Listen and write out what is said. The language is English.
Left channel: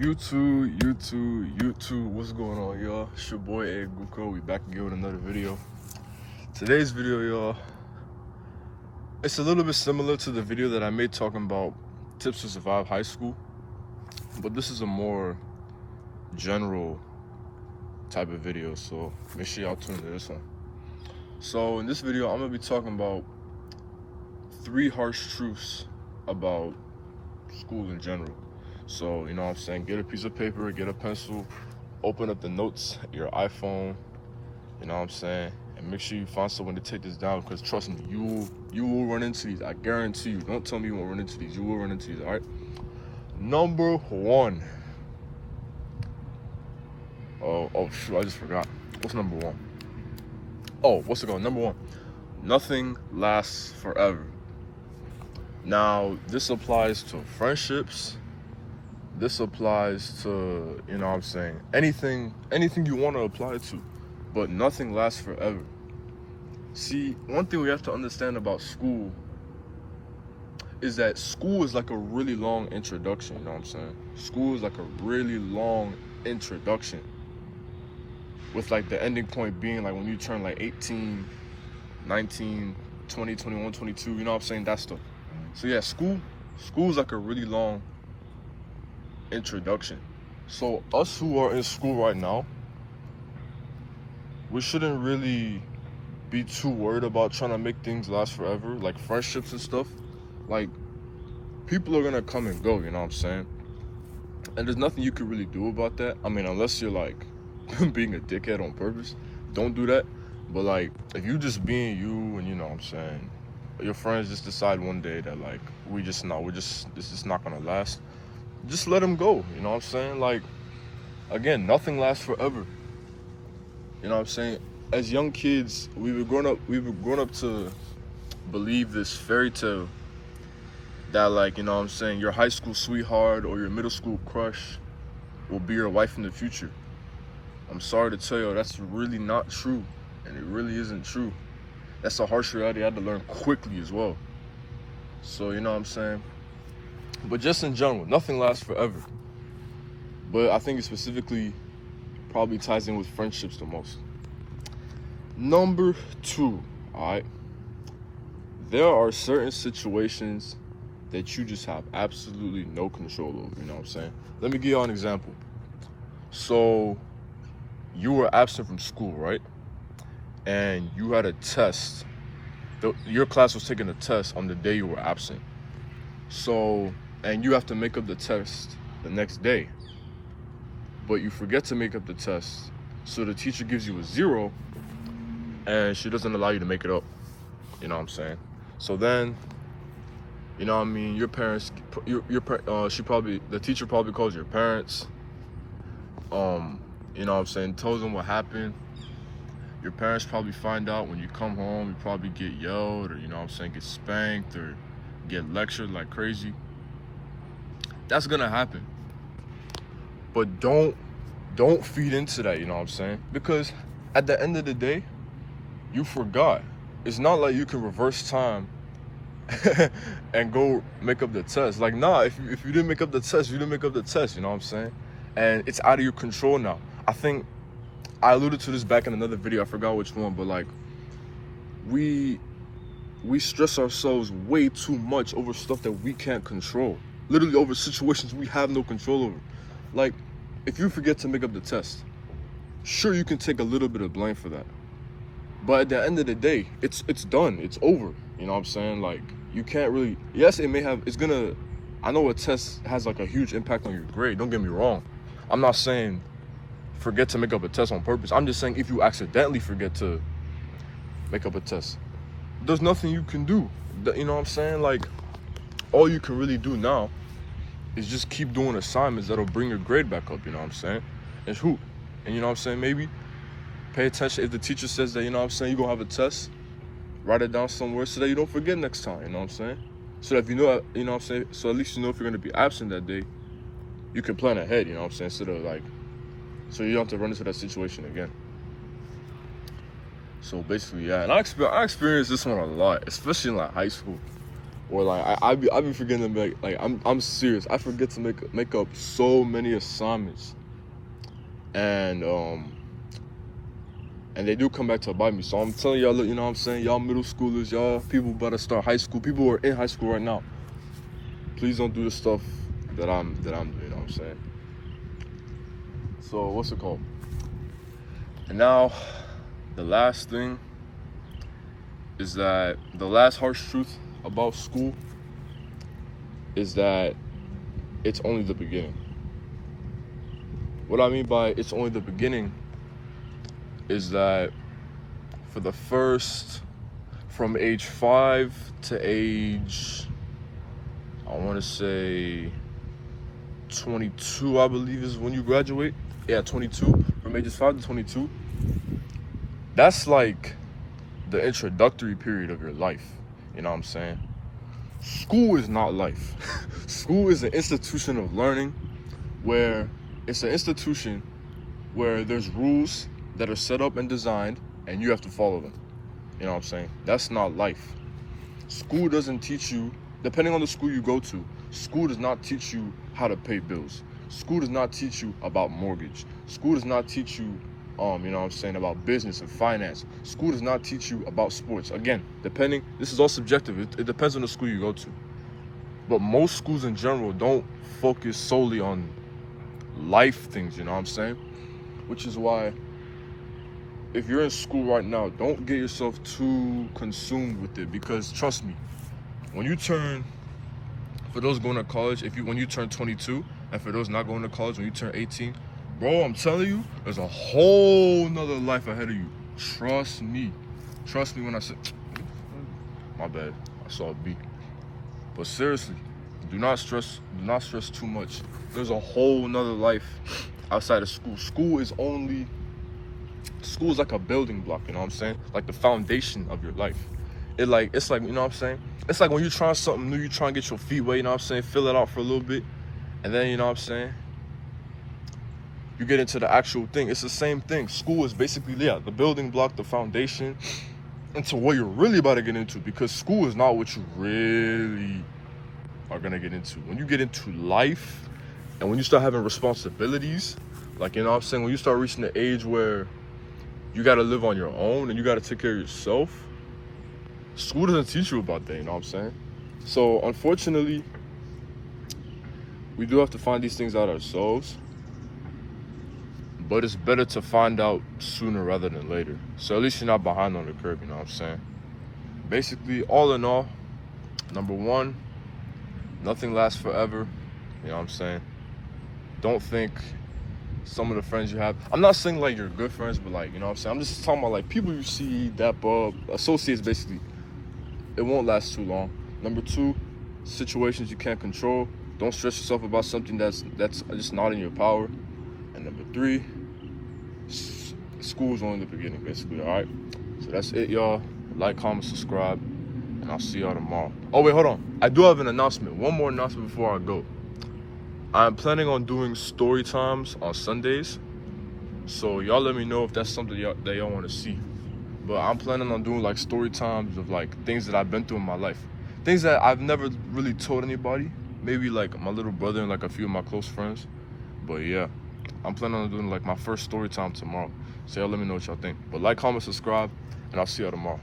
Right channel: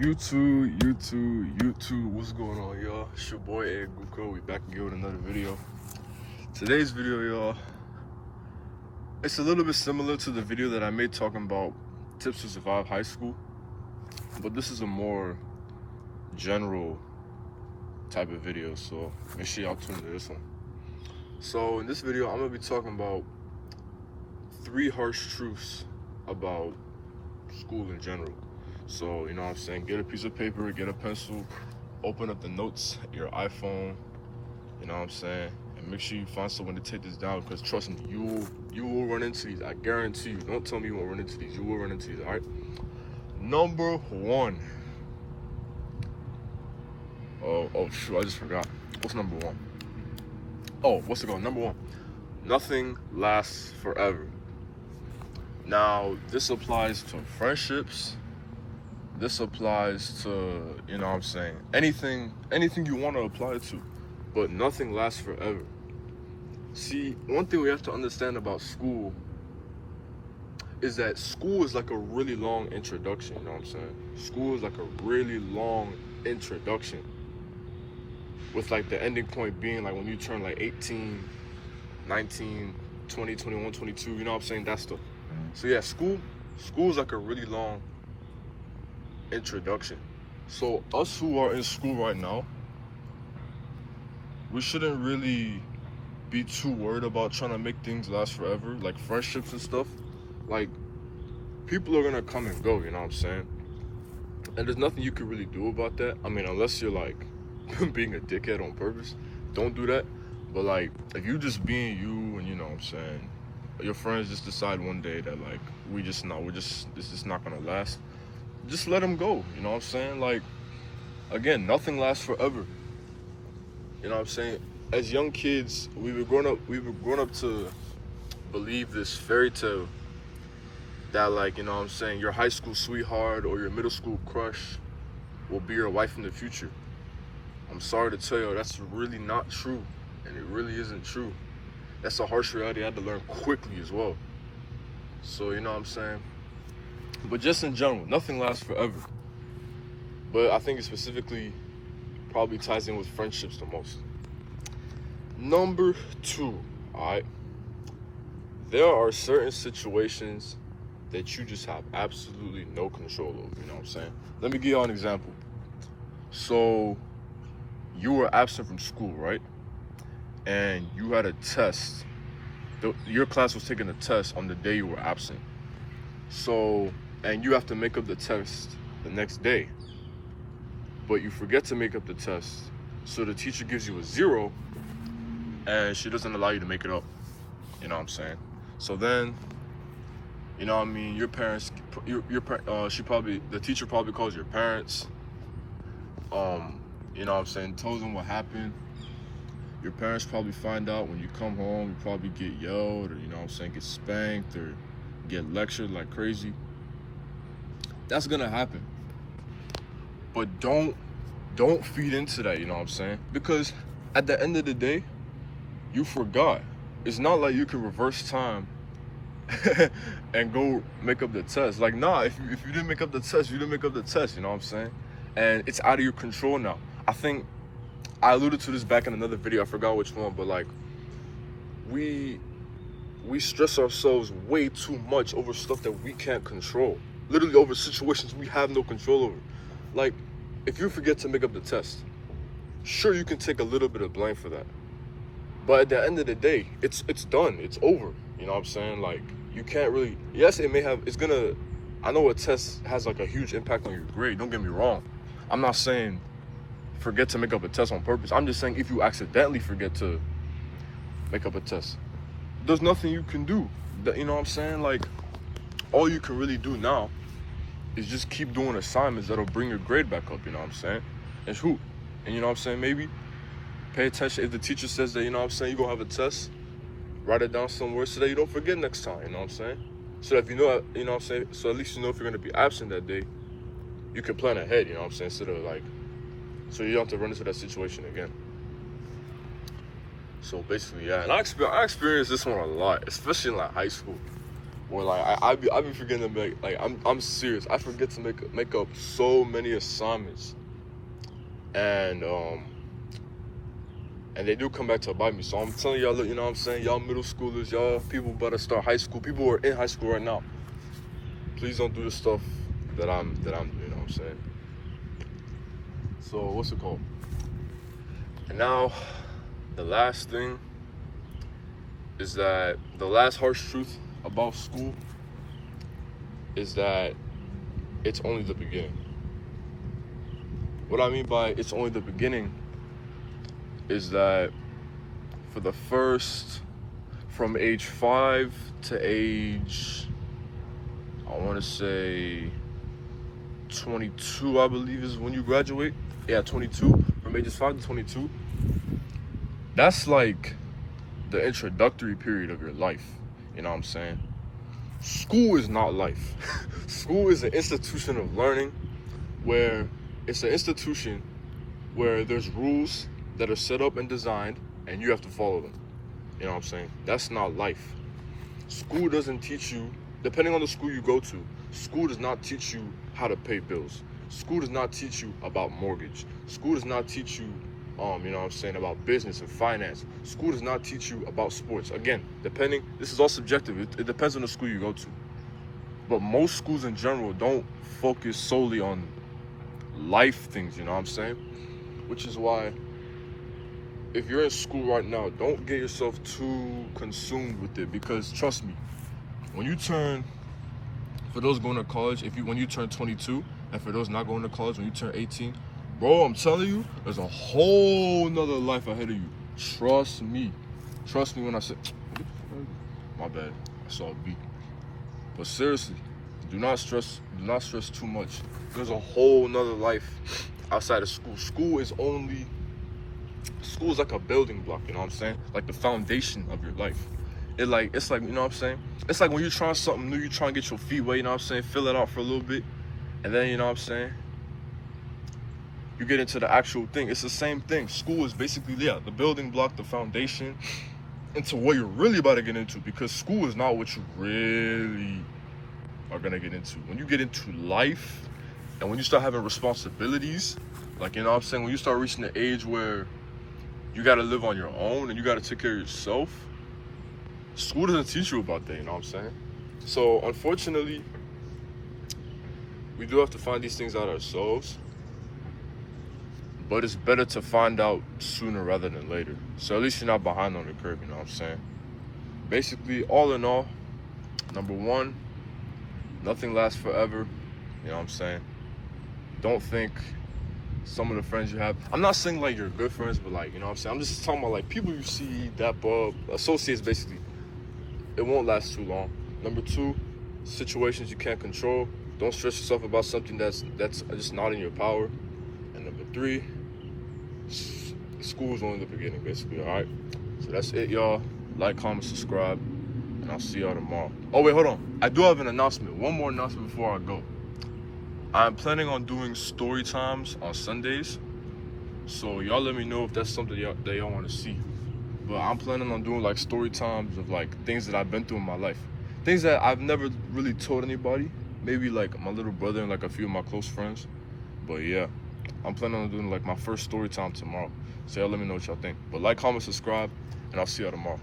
YouTube, what's going on, y'all? It's your boy Aaguko. We back again with another video. Today's video, y'all, it's a little bit similar to the video that I made talking about tips to survive high school, but this is a more general type of video, so make sure y'all tune into this one. So in this video, I'm gonna be talking about 3 harsh truths about school in general. So, you know what I'm saying, get a piece of paper, get a pencil, open up the notes, your iPhone, you know what I'm saying, and make sure you find someone to take this down, because trust me, you will run into these. I guarantee you. Don't tell me you won't run into these. You will run into these, all right? Number 1. Oh, shoot, I just forgot. What's number 1? Oh, what's it called? Number 1. Nothing lasts forever. Now, this applies to friendships. This applies to, you know what I'm saying, anything you want to apply to, but nothing lasts forever. See, one thing we have to understand about school is that school is like a really long introduction, you know what I'm saying? School is like a really long introduction, with like the ending point being like when you turn like 18, 19, 20, 21, 22, you know what I'm saying, that stuff. So yeah, school is like a really long introduction. So us who are in school right now, we shouldn't really be too worried about trying to make things last forever, like friendships and stuff. Like, people are gonna come and go, you know what I'm saying? And there's nothing you can really do about that. I mean, unless you're like being a dickhead on purpose, don't do that. But like, if you just being you, and you know what I'm saying, your friends just decide one day that like, this is not gonna last, just let them go, you know what I'm saying? Like, again, nothing lasts forever. You know what I'm saying? As young kids, we were growing up to believe this fairy tale that, like, you know what I'm saying, your high school sweetheart or your middle school crush will be your wife in the future. I'm sorry to tell you, that's really not true, and it really isn't true. That's a harsh reality I had to learn quickly as well. So, you know what I'm saying? But just in general, nothing lasts forever. But I think it specifically probably ties in with friendships the most. Number 2, alright? There are certain situations that you just have absolutely no control over, you know what I'm saying? Let me give you an example. So, you were absent from school, right? And you had a test. Your class was taking a test on the day you were absent. So, and you have to make up the test the next day, but you forget to make up the test, so the teacher gives you a 0 and she doesn't allow you to make it up, you know what I'm saying? So then, you know what I mean, your parents, the teacher probably calls your parents, you know what I'm saying, tells them what happened. Your parents probably find out. When you come home, you probably get yelled, or, you know what I'm saying, get spanked or get lectured like crazy. That's gonna happen. But don't feed into that, you know what I'm saying? Because at the end of the day, you forgot. It's not like you can reverse time and go make up the test. Like, nah, if you didn't make up the test, you didn't make up the test, you know what I'm saying? And it's out of your control now. I think I alluded to this back in another video, I forgot which one, but like, we stress ourselves way too much over stuff that we can't control. Literally over situations we have no control over. Like, if you forget to make up the test, sure, you can take a little bit of blame for that. But at the end of the day, it's done, it's over. You know what I'm saying? Like, you can't really, yes, I know a test has like a huge impact on your grade, don't get me wrong. I'm not saying forget to make up a test on purpose. I'm just saying if you accidentally forget to make up a test, there's nothing you can do. You know what I'm saying? Like, all you can really do now is just keep doing assignments that'll bring your grade back up, you know what I'm saying? It's hoop. And you know what I'm saying? Maybe pay attention if the teacher says that, you know what I'm saying, you're gonna have a test, write it down somewhere so that you don't forget next time, you know what I'm saying? So if you know, you know what I'm saying, so at least you know if you're gonna be absent that day, you can plan ahead, you know what I'm saying? Instead of like, so you don't have to run into that situation again. So basically, yeah, and I experienced this one a lot, especially in like high school. Or like I be forgetting to make, like I'm serious. I forget to make up so many assignments, and they do come back to bite me. So I'm telling y'all, you know what I'm saying, y'all middle schoolers, y'all people better start high school. People who are in high school right now, please don't do the stuff that I'm doing. You know what I'm saying? So what's it called? And now, the last thing is that the last harsh truth about school is that it's only the beginning. What I mean by it's only the beginning is that for the first, from age 5 to age, I want to say 22, I believe is when you graduate. Yeah, 22, from ages 5 to 22. That's like the introductory period of your life, you know what I'm saying? School is not life. School is an institution of learning where it's an institution where there's rules that are set up and designed and you have to follow them. You know what I'm saying? That's not life. School doesn't teach you, depending on the school you go to, school does not teach you how to pay bills. School does not teach you about mortgage. School does not teach you you know what I'm saying, about business and finance. School does not teach you about sports. Again, this is all subjective. It depends on the school you go to. But most schools in general don't focus solely on life things, you know what I'm saying? Which is why, if you're in school right now, don't get yourself too consumed with it, because trust me, when you turn, for those going to college, when you turn 22, and for those not going to college, when you turn 18, bro, I'm telling you, there's a whole nother life ahead of you. Trust me. Trust me when I say, my bad, I saw a beat. But seriously, do not stress too much. There's a whole nother life outside of school. School is like a building block, you know what I'm saying? Like the foundation of your life. It's like, you know what I'm saying? It's like when you're trying something new, you're trying to get your feet wet, you know what I'm saying? Fill it out for a little bit. And then, you know what I'm saying, you get into the actual thing. It's the same thing. School is basically, the building block, the foundation into what you're really about to get into, because school is not what you really are gonna get into. When you get into life and when you start having responsibilities, like, you know what I'm saying, when you start reaching the age where you gotta live on your own and you gotta take care of yourself, school doesn't teach you about that, you know what I'm saying? So unfortunately, we do have to find these things out ourselves. But it's better to find out sooner rather than later. So at least you're not behind on the curve, you know what I'm saying? Basically, all in all, number one, nothing lasts forever, you know what I'm saying? Don't think some of the friends you have, I'm not saying like you're good friends, but like, you know what I'm saying? I'm just talking about like people you see, that associates basically, it won't last too long. Number two, situations you can't control. Don't stress yourself about something that's just not in your power. And number three, school's only the beginning, basically, all right? So that's it, y'all. Like, comment, subscribe, and I'll see y'all tomorrow. Oh, wait, hold on. I do have an announcement. One more announcement before I go. I'm planning on doing story times on Sundays. So y'all let me know if that's something that y'all want to see. But I'm planning on doing like story times of like things that I've been through in my life. Things that I've never really told anybody. Maybe like my little brother and like a few of my close friends. But yeah, I'm planning on doing like my first story time tomorrow. So y'all let me know what y'all think. But like, comment, subscribe, and I'll see y'all tomorrow.